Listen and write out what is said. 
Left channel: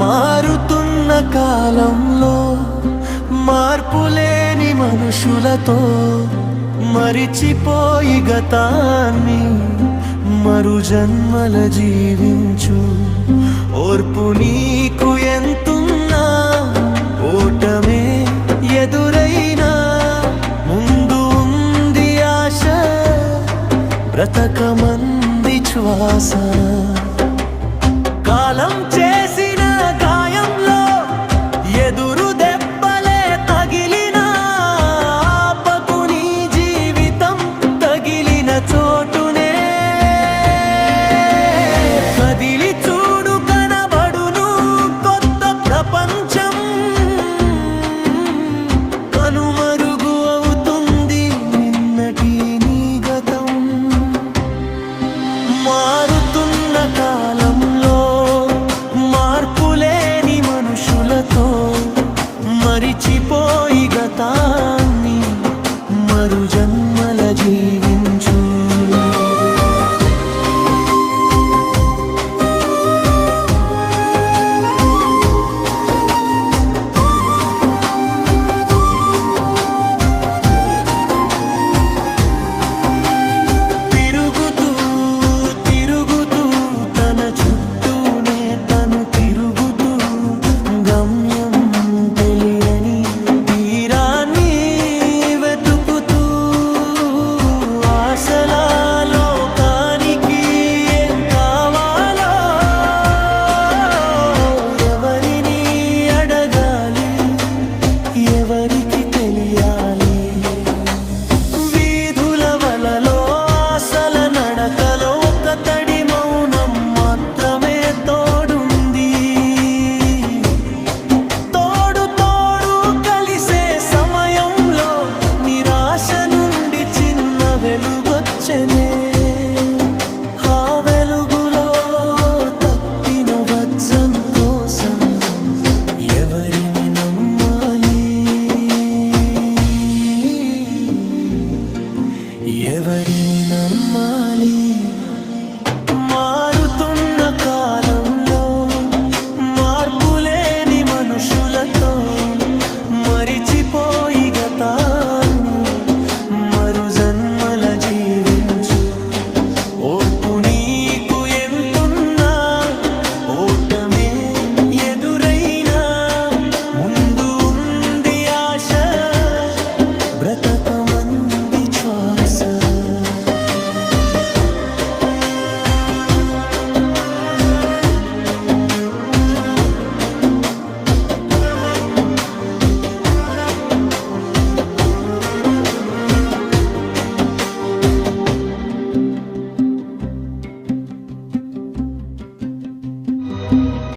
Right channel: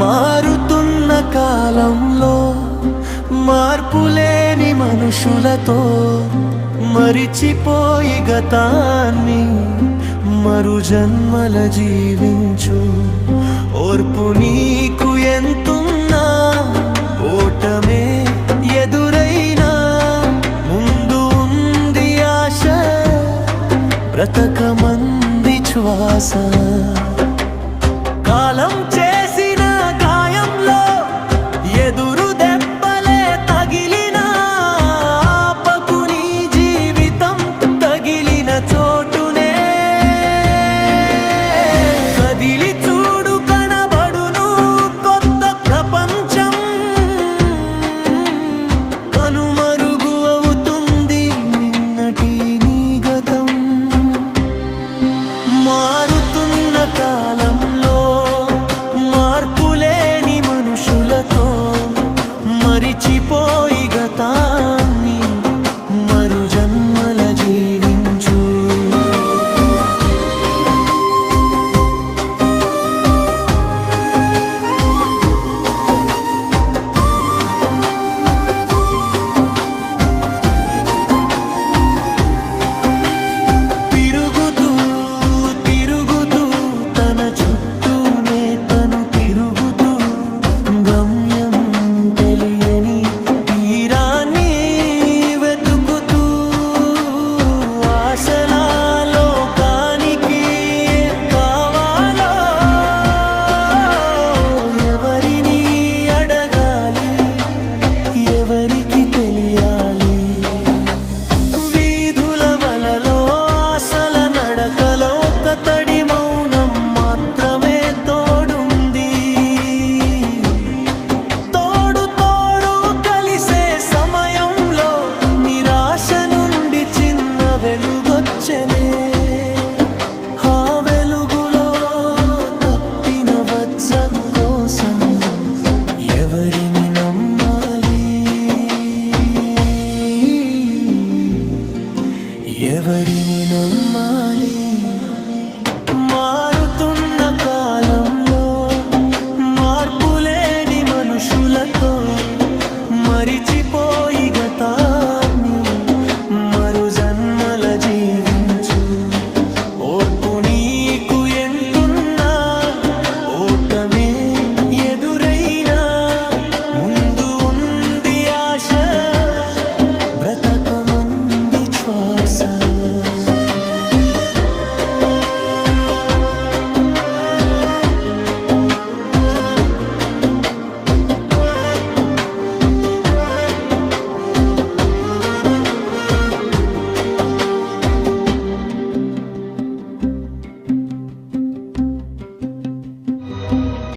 మారుతున్న కాలంలో మార్పులేని మనుషులతో మరిచిపోయి గతాన్ని మరు జన్మల జీవించు. ఓర్పు నీకు ఎంతున్నా ఓటమే ఎదురైనా ముందు ఉంది ఆశ, బ్రతకమంది శ్వాస. కాలం చేసిన గాయంలో ఎదురు దెబ్బలే తగిలిన ఆపకు నీ జీవితం తగిలిన చోటునే. కదిలి చూడు కనబడును కొత్త ప్రపంచం, కనుమరుగు అవుతుంది నిన్నటి నీ గతం. మారుతున్న కాలంలో మార్పులేని మనుషులతో మరిచిపోయి గతాన్ని మరు జన్మల జీవించు. చుట్టూనే తను తిరుగుతూ గమ్యం తెలియని తీరాన్ని వెతుకుతూ ఆశల లోకానికి ఏం కావాలో ఎవరిని అడగాలి, ఎవరికి తెలియాలి. వీధుల వలలో ఆశల నడకలో ఒక తడి మౌనం మాత్రమే తోడుంది. తోడు తోడు కలిసే సమయంలో నిరాశ నుండి చిన్న వెలుగొచ్చనే. ఆ వెలుగులో తప్పిన వజ్రం కోసం ఎవరిని నమ్మాలి, ఎవరిని నమ్మాలి. మారుతున్న కాలంలో మార్పులేని మనుషులతో మరిచిపోయి గతాన్ని మరు జన్మల జీవించు. ఓర్పు